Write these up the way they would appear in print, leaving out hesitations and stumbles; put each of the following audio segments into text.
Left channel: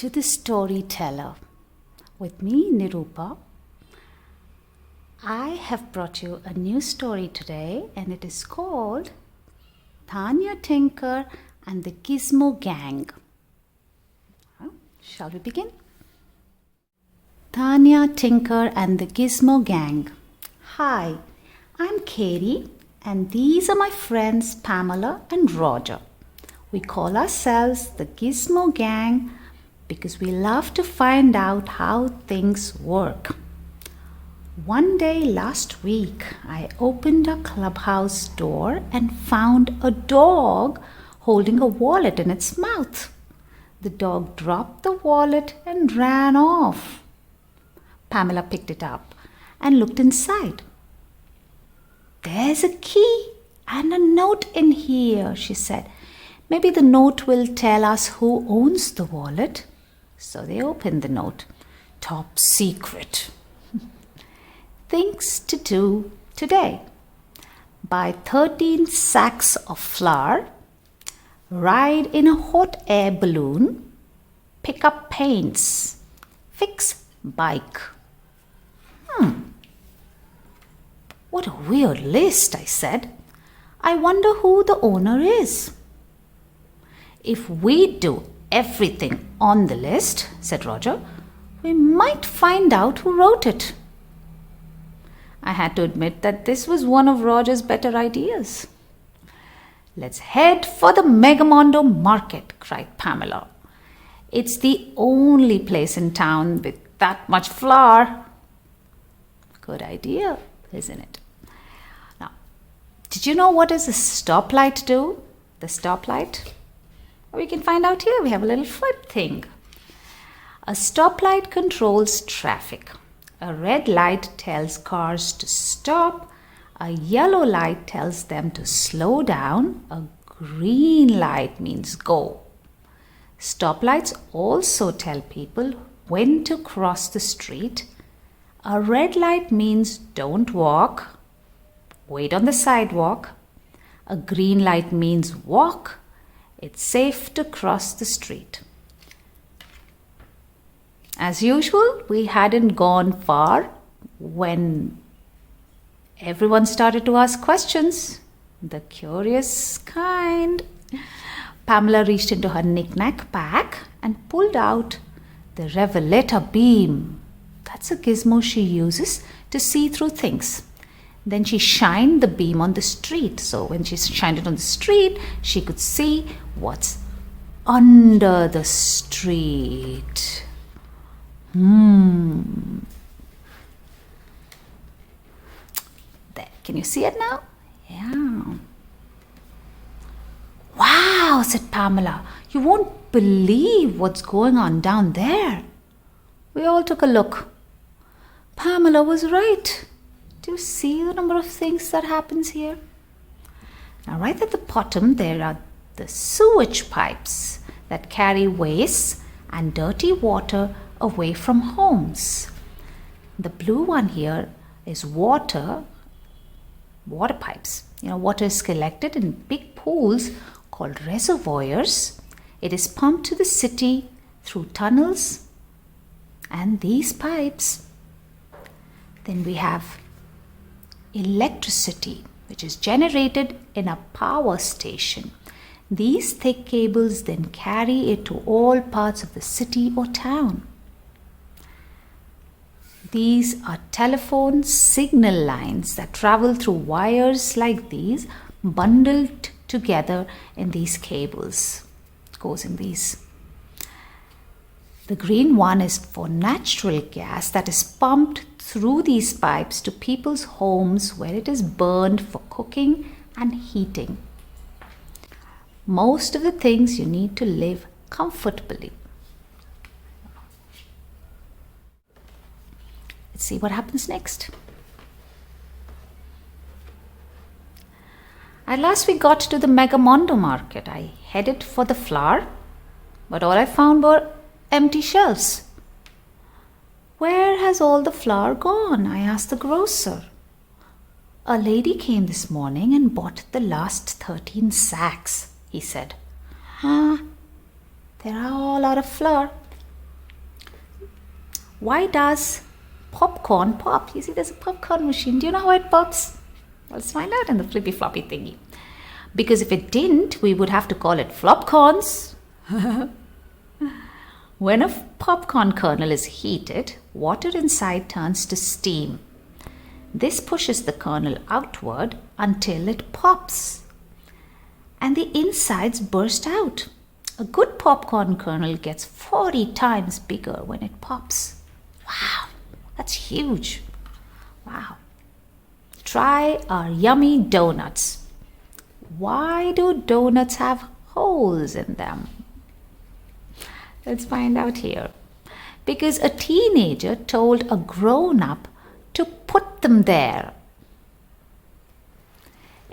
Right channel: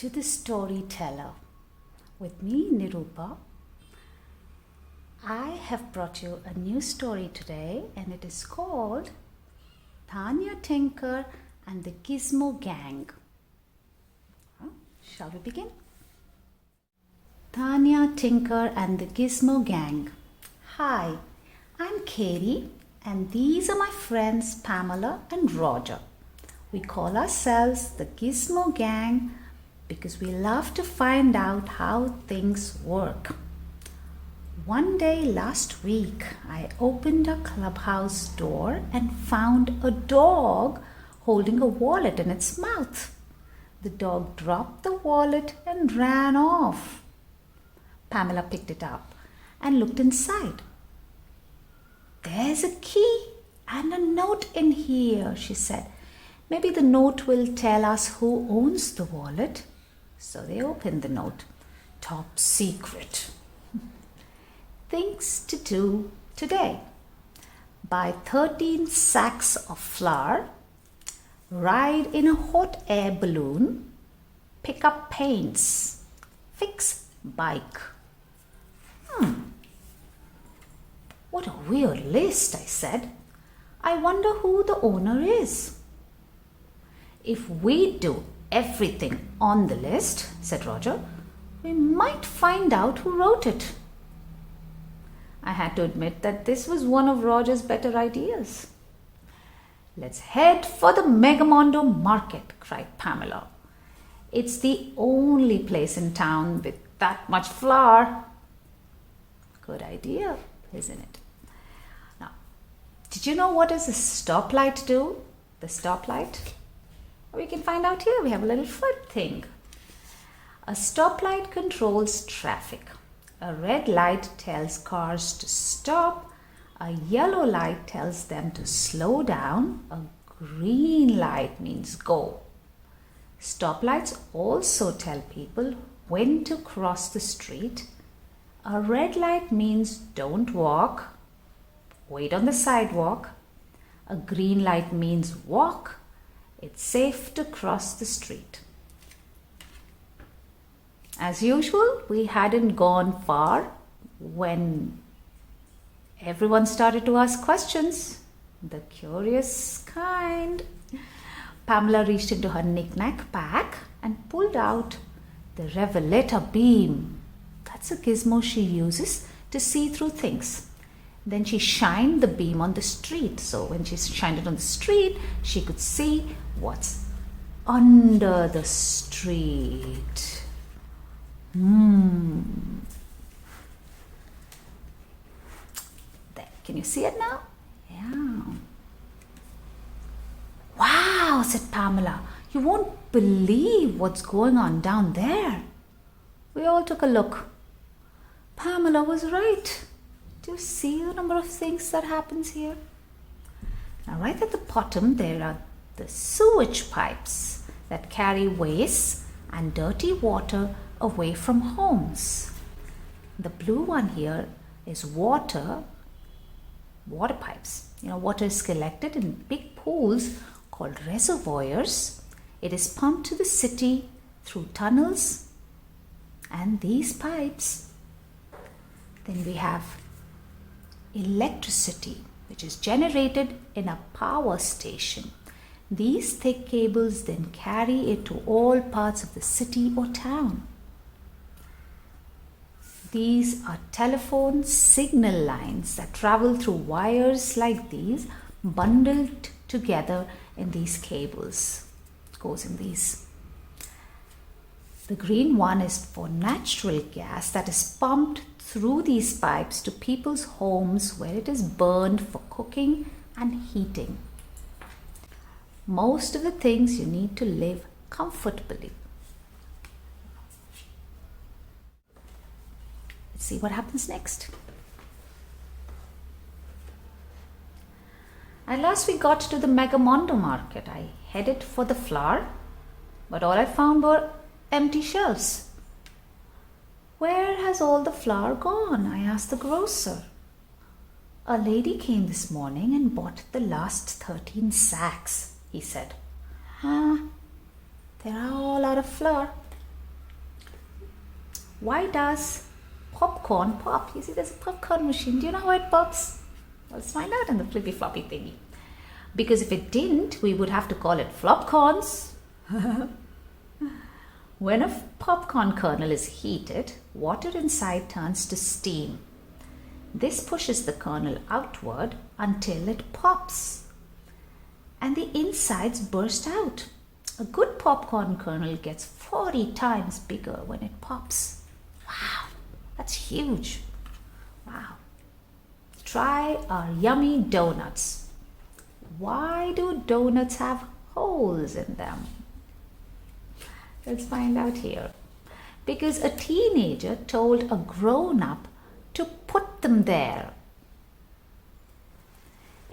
to the storyteller. With me, Nirupa. I have brought you a new story today, and it is called Tanya, Tinker and the Gizmo Gang. Shall we begin? Tanya, Tinker and the Gizmo Gang. Hi, I'm Katie, and these are my friends Pamela and Roger. We call ourselves the Gizmo Gang because we love to find out how things work. One day last week, I opened a clubhouse door and found a dog holding a wallet in its mouth. The dog dropped the wallet and ran off. Pamela picked it up and looked inside. "There's a key and a note in here," she said. "Maybe the note will tell us who owns the wallet." So they opened the note. Top secret. Things to do today. Buy 13 sacks of flour. Ride in a hot air balloon. Pick up paints. Fix bike. What a weird list, I said. I wonder who the owner is. If we do everything on the list, said Roger, we might find out who wrote it. I had to admit that this was one of Roger's better ideas. "Let's head for the Megamondo market," cried Pamela. "It's the only place in town with that much flour." Good idea, isn't it? Now, did you know what does a stoplight do? The stoplight? We can find out here. We have a little foot thing. A stoplight controls traffic. A red light tells cars to stop. A yellow light tells them to slow down. A green light means go. Stoplights also tell people when to cross the street. A red light means don't walk. Wait on the sidewalk. A green light means walk. It's safe to cross the street. As usual, we hadn't gone far when everyone started to ask questions. The curious kind. Pamela reached into her knick-knack pack and pulled out the revelator beam. That's a gizmo she uses to see through things. Then she shined the beam on the street. So when she shined it on the street, she could see what's under the street. There, can you see it now? Yeah. "Wow," said Pamela. "You won't believe what's going on down there." We all took a look. Pamela was right. Do you see the number of things that happens here? Now, right at the bottom, there are the sewage pipes that carry waste and dirty water away from homes. The blue one here is water pipes. Water is collected in big pools called reservoirs. It is pumped to the city through tunnels and these pipes. Then we have electricity, which is generated in a power station. These thick cables then carry it to all parts of the city or town. These are telephone signal lines that travel through wires like these, bundled together in these cables. It goes in these. The green one is for natural gas that is pumped through these pipes to people's homes where it is burned for cooking and heating. Most of the things you need to live comfortably. Let's see what happens next. At last we got to the Megamondo market. I headed for the flour, but all I found were empty shelves. "Where has all the flour gone?" I asked the grocer. "A lady came this morning and bought the last 13 sacks, he said. There are a lot of flour. Why does popcorn pop? You see, there's a popcorn machine. Do you know how it pops? Let's find out in the flippy floppy thingy. Because if it didn't, we would have to call it flopcorns. When a popcorn kernel is heated, water inside turns to steam. This pushes the kernel outward until it pops, and the insides burst out. A good popcorn kernel gets 40 times bigger when it pops. Wow, that's huge. Wow. Try our yummy donuts. Why do donuts have holes in them? Let's find out here. Because a teenager told a grown-up to put them there.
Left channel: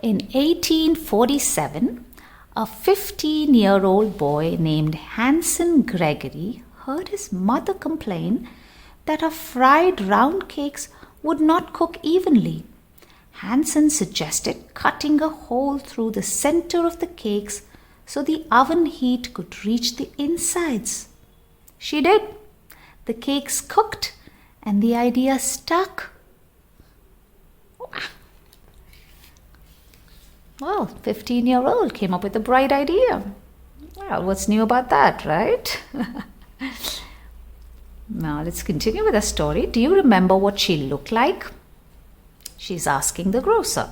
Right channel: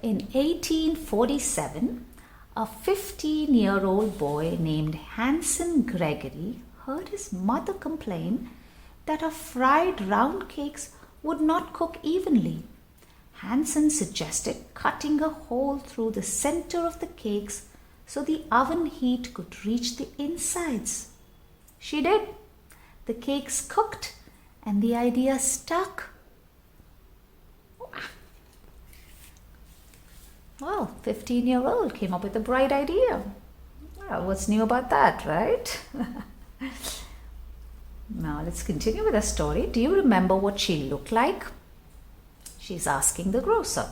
In 1847, a 15-year-old boy named Hanson Gregory heard his mother complain that her fried round cakes would not cook evenly. Hanson suggested cutting a hole through the center of the cakes so the oven heat could reach the insides. She did. The cakes cooked and the idea stuck. Well, 15-year-old came up with a bright idea. Well, what's new about that, right? Now, let's continue with the story. Do you remember what she looked like? She's asking the grocer.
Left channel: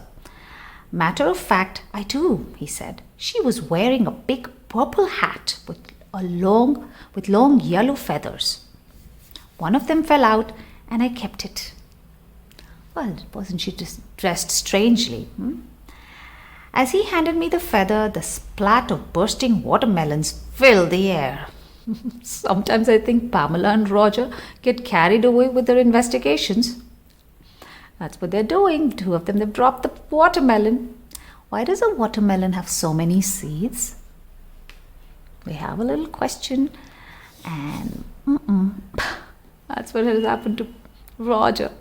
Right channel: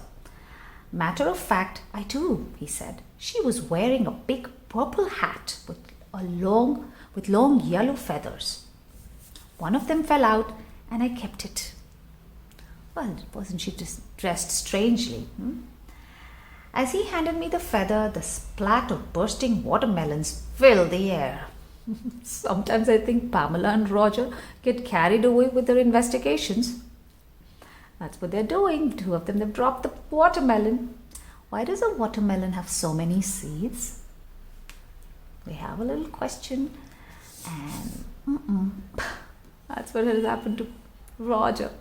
Matter of fact, I do, he said. She was wearing a big purple hat with long yellow feathers. One of them fell out and I kept it. Well, wasn't she just dressed strangely? As he handed me the feather, the splat of bursting watermelons filled the air. Sometimes I think Pamela and Roger get carried away with their investigations. That's what they're doing. Two of them, they've dropped the watermelon. Why does a watermelon have so many seeds? We have a little question, and that's what has happened to Roger.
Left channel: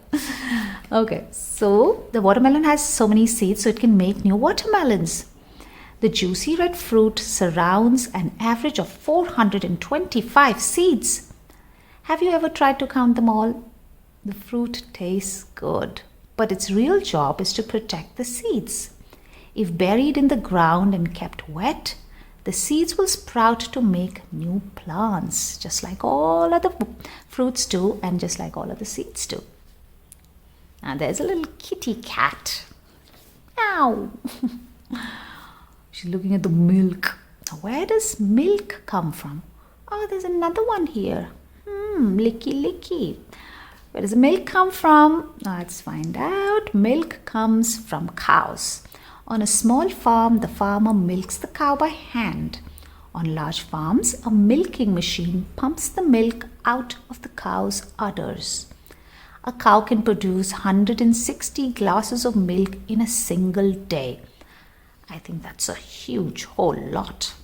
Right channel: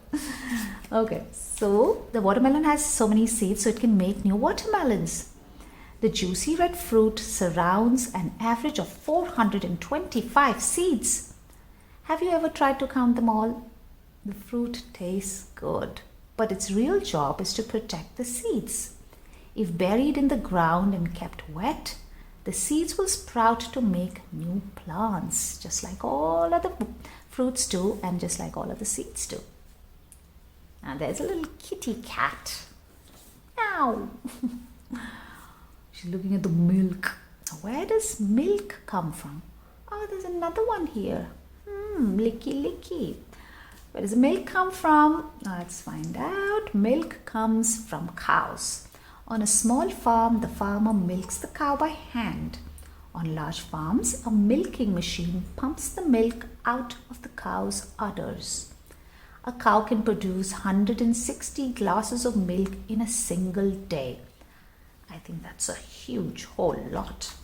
Okay, so the watermelon has so many seeds so it can make new watermelons. The juicy red fruit surrounds an average of 425 seeds. Have you ever tried to count them all? The fruit tastes good, but its real job is to protect the seeds. If buried in the ground and kept wet, the seeds will sprout to make new plants, just like all other fruits do and just like all other seeds do. Now there's a little kitty cat. Ow! She's looking at the milk. Now, where does milk come from? Oh, there's another one here. Licky licky. Where does the milk come from? Let's find out. Milk comes from cows. On a small farm, the farmer milks the cow by hand. On large farms, a milking machine pumps the milk out of the cow's udders. A cow can produce 160 glasses of milk in a single day. I think that's a huge whole lot.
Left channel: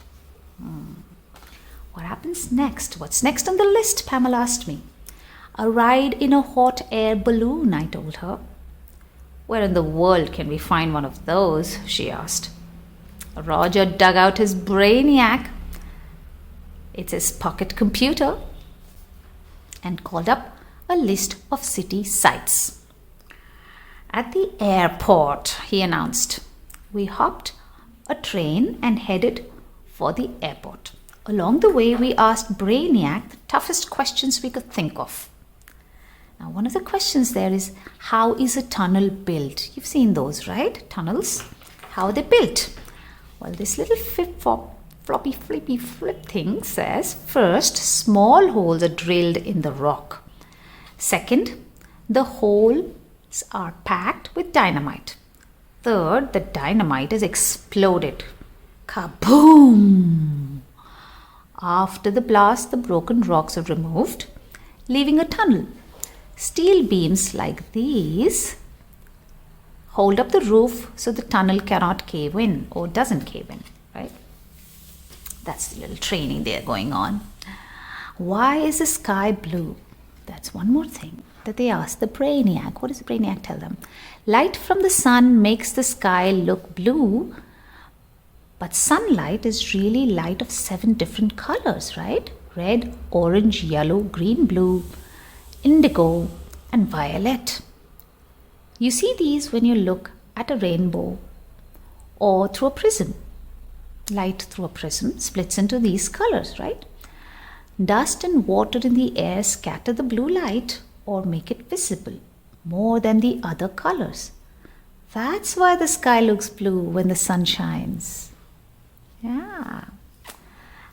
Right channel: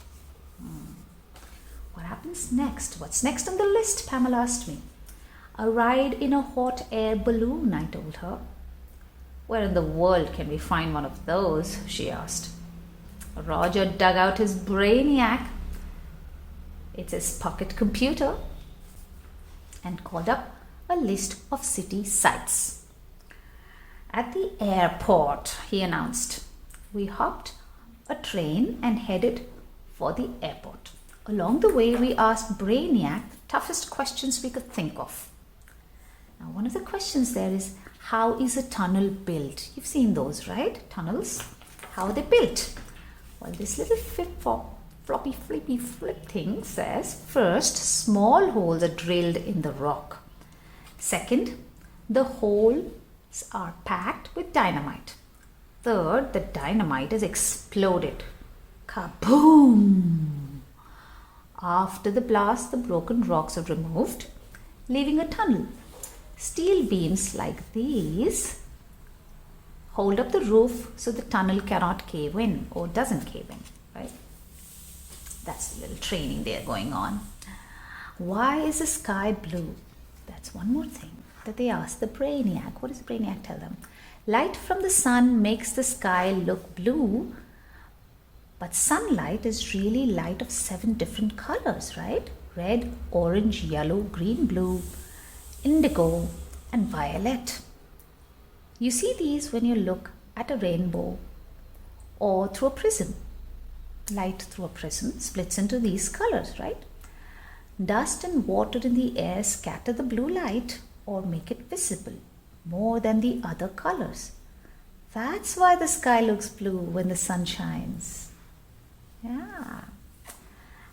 What happens next? What's next on the list? Pamela asked me. A ride in a hot air balloon, I told her. Where in the world can we find one of those? She asked. Roger dug out his brainiac. It's his pocket computer, and called up a list of city sights. At the airport, he announced. We hopped a train and headed for the airport. Along the way, we asked Brainiac the toughest questions we could think of. Now, one of the questions there is, how is a tunnel built? You've seen those, right? Tunnels. How are they built? Well, this little floppy flippy flip thing says, first, small holes are drilled in the rock. Second, the holes are packed with dynamite. Third, the dynamite is exploded. Kaboom! After the blast, the broken rocks are removed, leaving a tunnel. Steel beams like these hold up the roof so the tunnel cannot cave in or doesn't cave in, right? That's the little training there going on. Why is the sky blue? That's one more thing that they ask the Brainiac. What does the Brainiac tell them? Light from the sun makes the sky look blue, but sunlight is really light of 7 different colors, right? Red, orange, yellow, green, blue. indigo, and violet. You see these when you look at a rainbow or through a prism. Light through a prism splits into these colors, right? Dust and water in the air scatter the blue light or make it visible more than the other colors. That's why the sky looks blue when the sun shines. Yeah.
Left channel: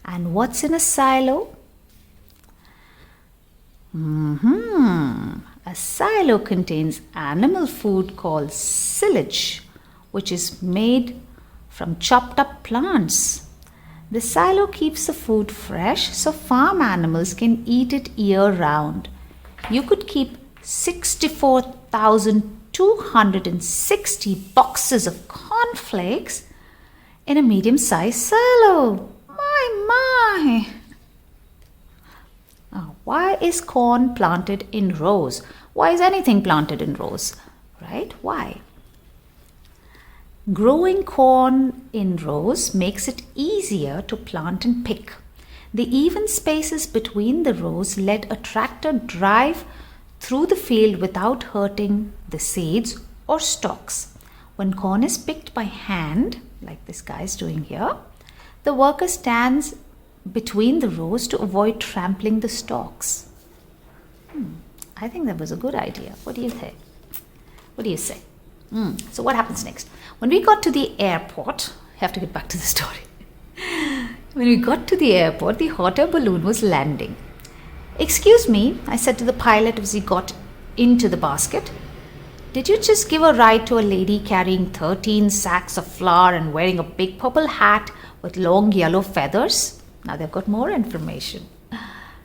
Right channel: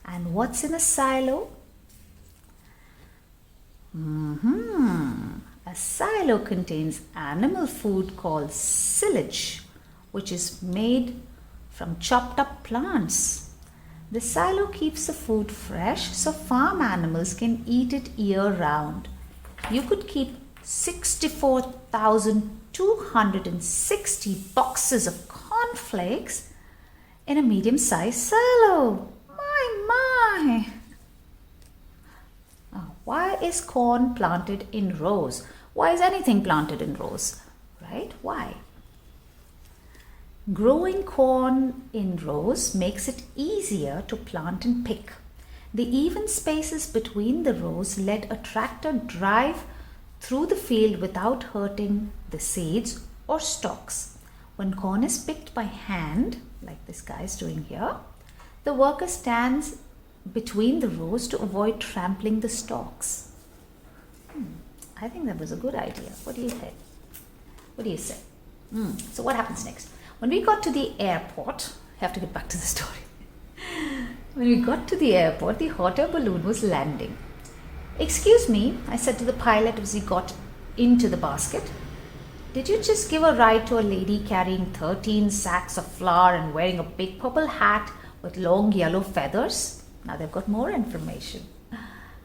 And what's in a silo? A silo contains animal food called silage, which is made from chopped up plants. The silo keeps the food fresh so farm animals can eat it year round. You could keep 64,260 boxes of cornflakes in a medium-sized silo. My! Why is corn planted in rows? Why is anything planted in rows? Right? Why? Growing corn in rows makes it easier to plant and pick. The even spaces between the rows let a tractor drive through the field without hurting the seeds or stalks. When corn is picked by hand, like this guy is doing here, the worker stands between the rows to avoid trampling the stalks. I think that was a good idea. What do you think? What do you say? So what happens next? When we got to the airport, I have to get back to the story. When we got to the airport, the hot air balloon was landing. "Excuse me," I said to the pilot as he got into the basket. "Did you just give a ride to a lady carrying 13 sacks of flour and wearing a big purple hat with long yellow feathers?" Now they've got more information.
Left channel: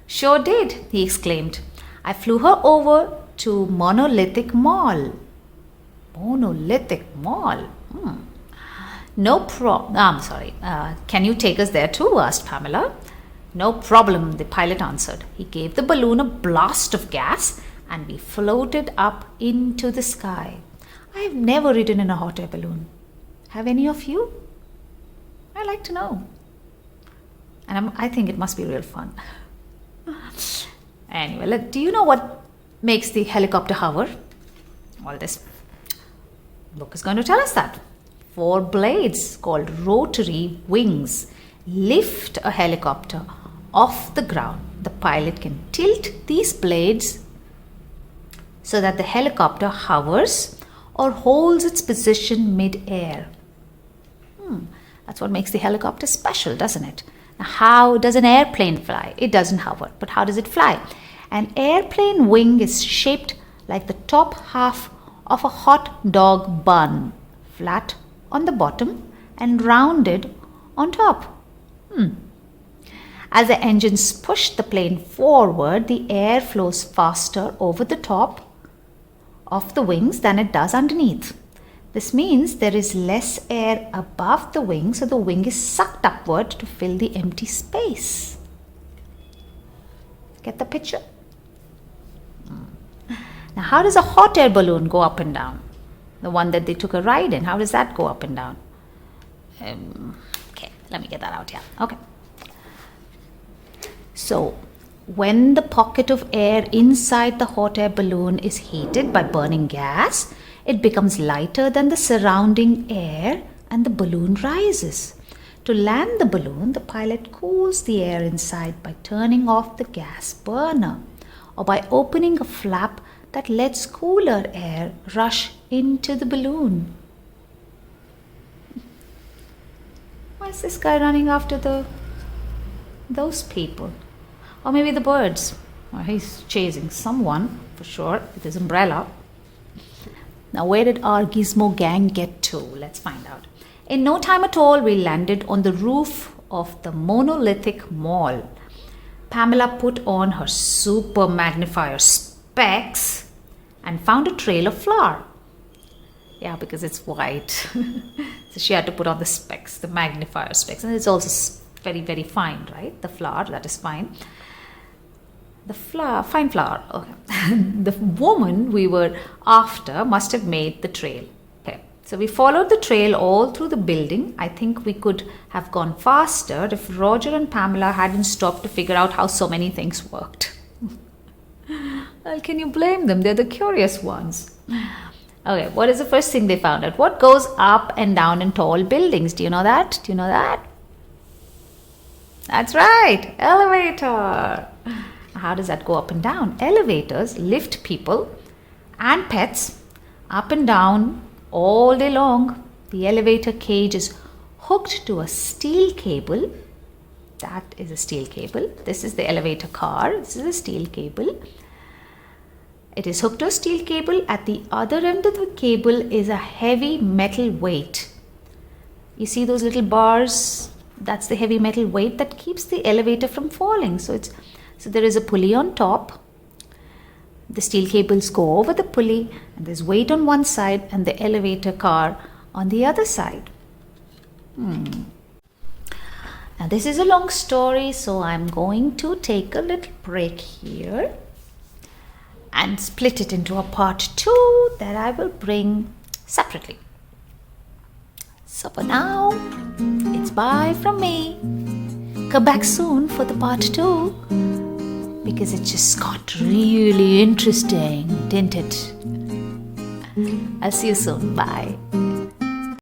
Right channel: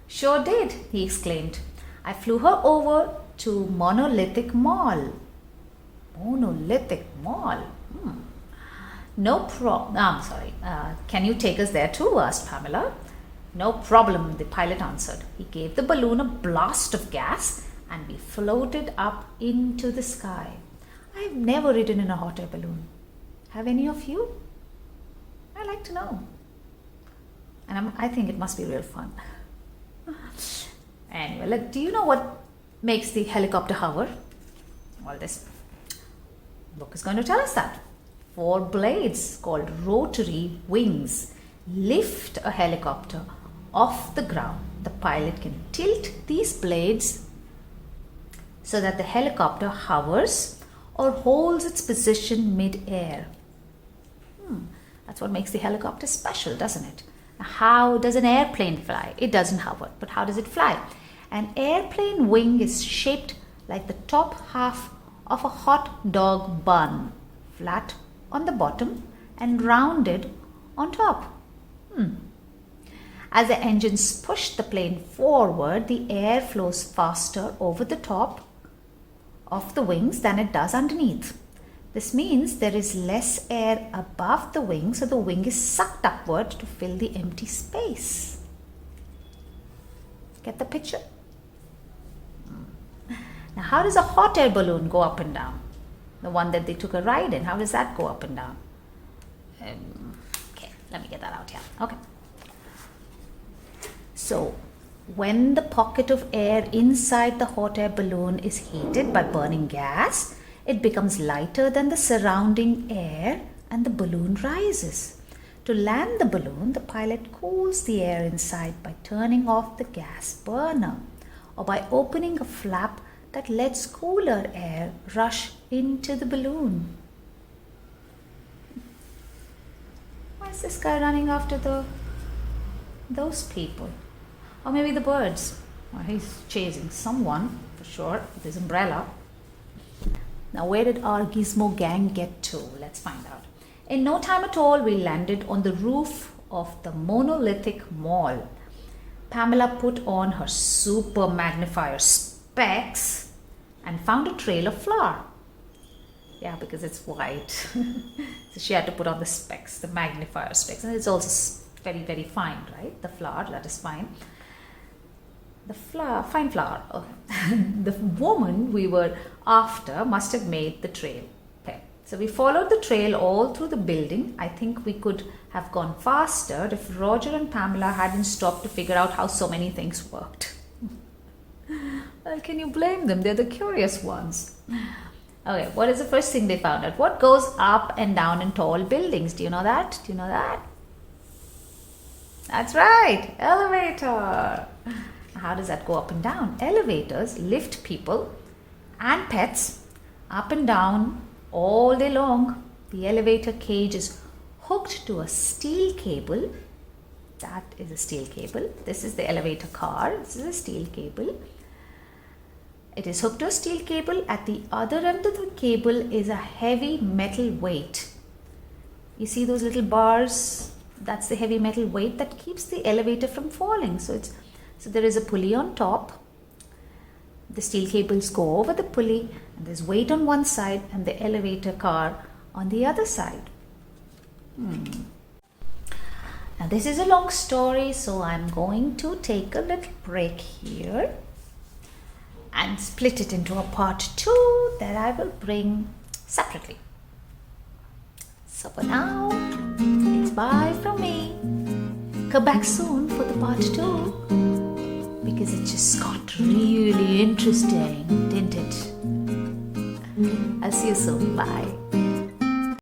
"Sure did," he exclaimed. "I flew her over to Monolithic Mall." Monolithic Mall? "No problem. I'm sorry. Can you take us there too?" asked Pamela. "No problem," the pilot answered. He gave the balloon a blast of gas and we floated up into the sky. I've never ridden in a hot air balloon. Have any of you? I'd like to know. And I think it must be real fun. Anyway, do you know what makes the helicopter hover? Well, this book is going to tell us that. 4 blades called rotary wings lift a helicopter off the ground. The pilot can tilt these blades so that the helicopter hovers or holds its position mid-air. That's what makes the helicopter special, doesn't it? How does an airplane fly? It doesn't hover, but how does it fly? An airplane wing is shaped like the top half of a hot dog bun, flat on the bottom and rounded on top. As the engines push the plane forward, the air flows faster over the top of the wings than it does underneath. This means there is less air above the wing, so the wing is sucked upward to fill the empty space. Get the picture? Now, how does a hot air balloon go up and down? The one that they took a ride in, how does that go up and down? Okay, let me get that out here. Okay. So, when the pocket of air inside the hot air balloon is heated by burning gas, it becomes lighter than the surrounding air and the balloon rises. To land the balloon, the pilot cools the air inside by turning off the gas burner or by opening a flap that lets cooler air rush into the balloon. Why is this guy running after those people? Or maybe the birds. Or he's chasing someone, for sure, with his umbrella. Now, where did our Gizmo gang get to? Let's find out. In no time at all, we landed on the roof of the Monolithic Mall. Pamela put on her super magnifier specs and found a trail of flour. Yeah, because it's white. So she had to put on the specs, the magnifier specs. And it's also very, very fine, right? The flour, that is fine. The flour, fine flour. Okay. The woman we were after must have made the trail. Okay. So we followed the trail all through the building. I think we could have gone faster if Roger and Pamela hadn't stopped to figure out how so many things worked. Well, can you blame them? They're the curious ones. Okay, what is the first thing they found out? What goes up and down in tall buildings? Do you know that? Do you know that? That's right, elevator. How does that go up and down? Elevators lift people and pets up and down all day long. The elevator cage is hooked to a steel cable. That is a steel cable. This is the elevator car. This is a steel cable. It is hooked to a steel cable. At the other end of the cable is a heavy metal weight. You see those little bars? That's the heavy metal weight that keeps the elevator from falling. So there is a pulley on top. The steel cables go over the pulley, and there's weight on one side and the elevator car on the other side. Now this is a long story, so I'm going to take a little break here and split it into a part 2 that I will bring separately. So for now, it's bye from me. Come back soon for the part 2 because it just got really interesting, didn't it? I'll see you soon. Bye.